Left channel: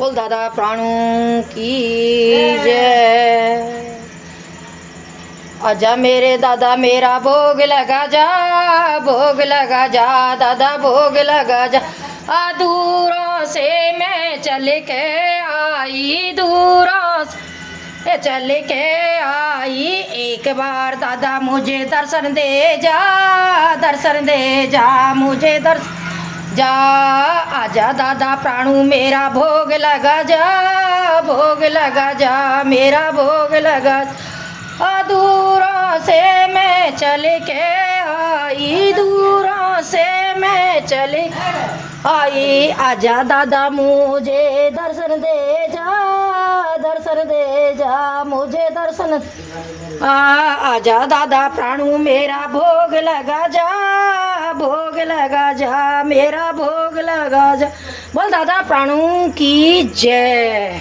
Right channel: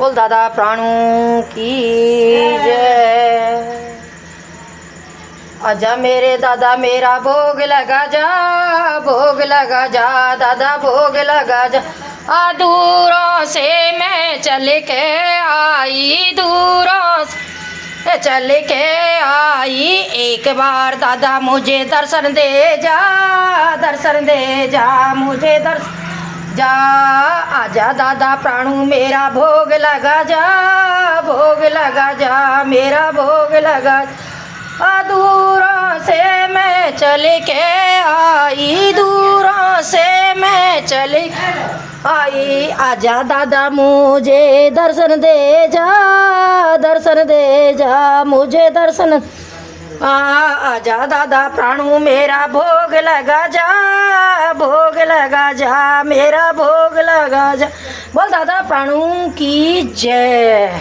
बोल दादा प्राणू की जय। आजा मेरे दादा मेरा भोग लगा जा, भोग लगा जा दादा भोग लगा जा। दूरों से मैं चल के आई, दूरों से चल के आई, एक बार दादा मुझे दर्शन दे जा, दर्शन दे जा मुझे दर्शन जा। आजा दादा प्राणू मेरा भोग लगा जा, भोग लगा जा मेरा भोग लगा। दूरों से मैं चल के आई, दूरों से मैं चली आई, आजा दादा मुझे दर्शन दे जा, दर्शन दे जा मुझे दर्शन। आजा दादा प्राणू मेरा भोग लगा जा, भोग लगा जा मेरा भोग लगा जा। बोल दादा प्राणू की जय।